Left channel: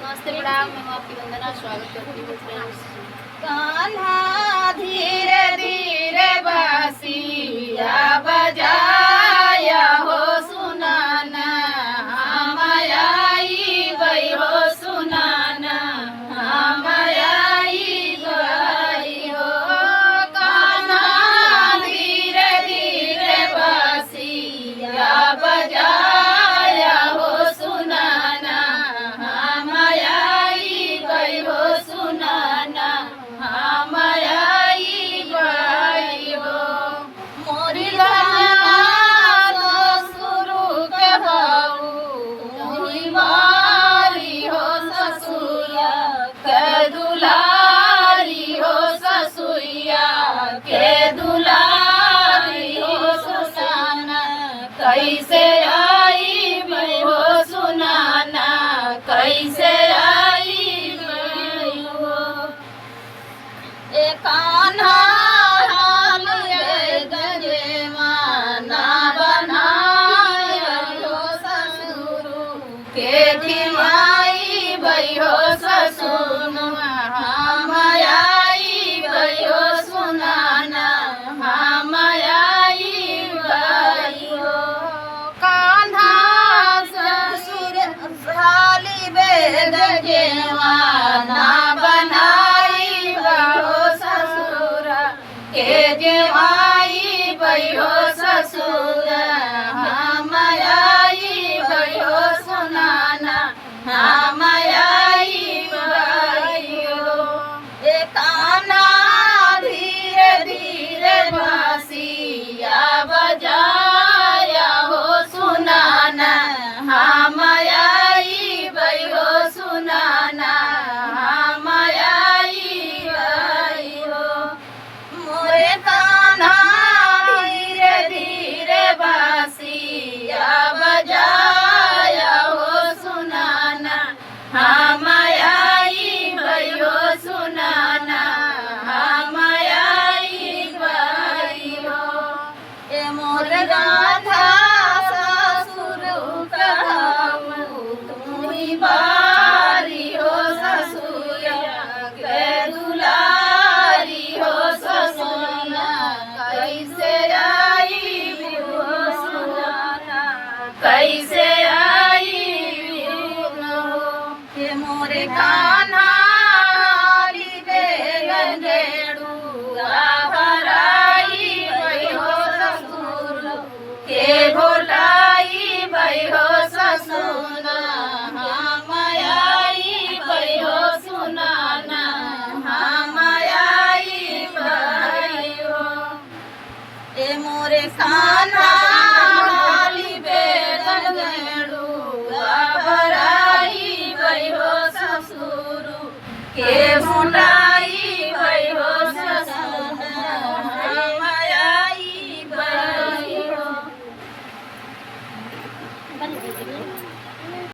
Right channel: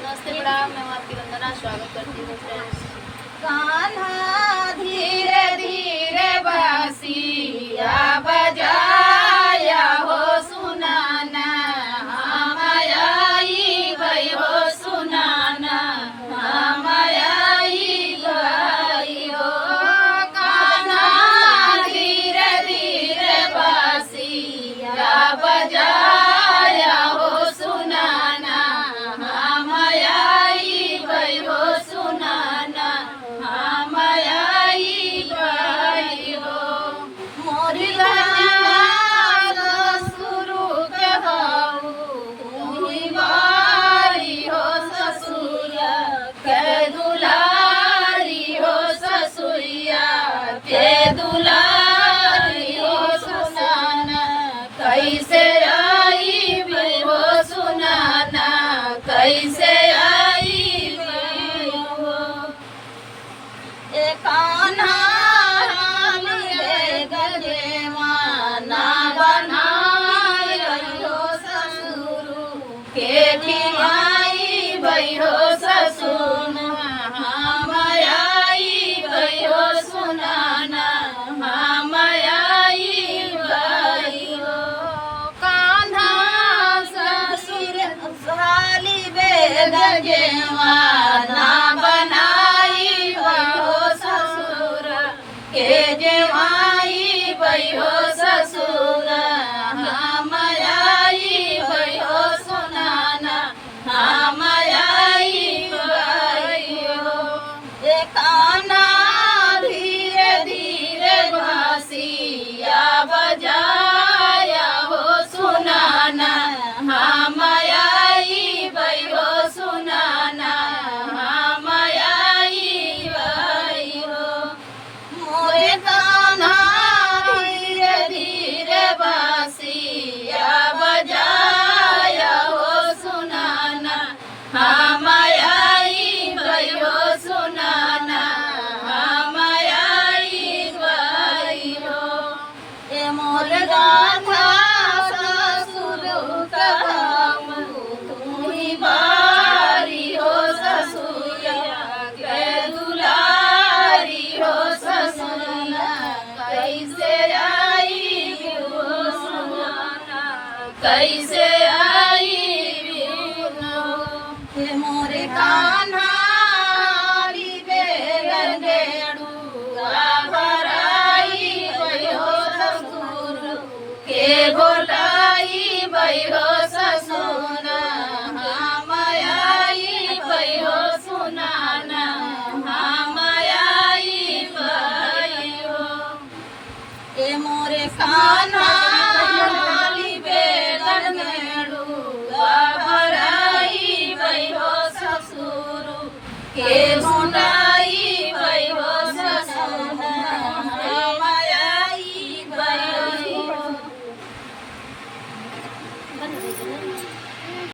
नमस्ते प्रणाम, मैं हूँ आपकी वंदना। स्वागत करती हूँ फ्रेंड्स। कान्हा धीरे धीरे बांसिया बजाया हो सुनाना, हम आई गई हो सुनाना, हम आई गई हो। कान्हा धीरे धीरे बांसिया बजाया हो सुनाना, हम आई गई हो सुनाना, हम आई गई हो। मोरी शुरू कहू तुही बारी हो ससुरा के दुलारी हो, ससुया के दुलारी हो सुनाना, कैसे आई मैं हो सुनाना, कैसे आई मैं हो। कान्हा हाल गजेवाना बनाय हो ससुर के दिवाई बई हो ससुर, हम आई बई हो सुनाना, हम आई बई हो। कान्हा ससुर साली गजेवाना बनाई हो ससुर के देवाई बई हो ससुर, हम आई बई हो सुनाना, हम आई बई हो। कान्हा धीरे धीरे बांसिया बजाया हो सुनाना, हम आई बई हो सुनाना, हम आई बई हो। मोरे कान्हा धीरे धीरे बांसिया बजाया हो सुनाना, हम आई बई हो सुनाना, हम आई बई हो। मोर राधा ससुर कहू तुही बारी हो, ससुया के दुलारी हो, ससुया कैसे आई हो सुनाना, कैसे आई हो। मोरे कान्हा भराई बई हो ससुर के घोटाई बई हो ससुर, हम आई बई हो सुनाना, हम आई बई हो। मोरे कान्हा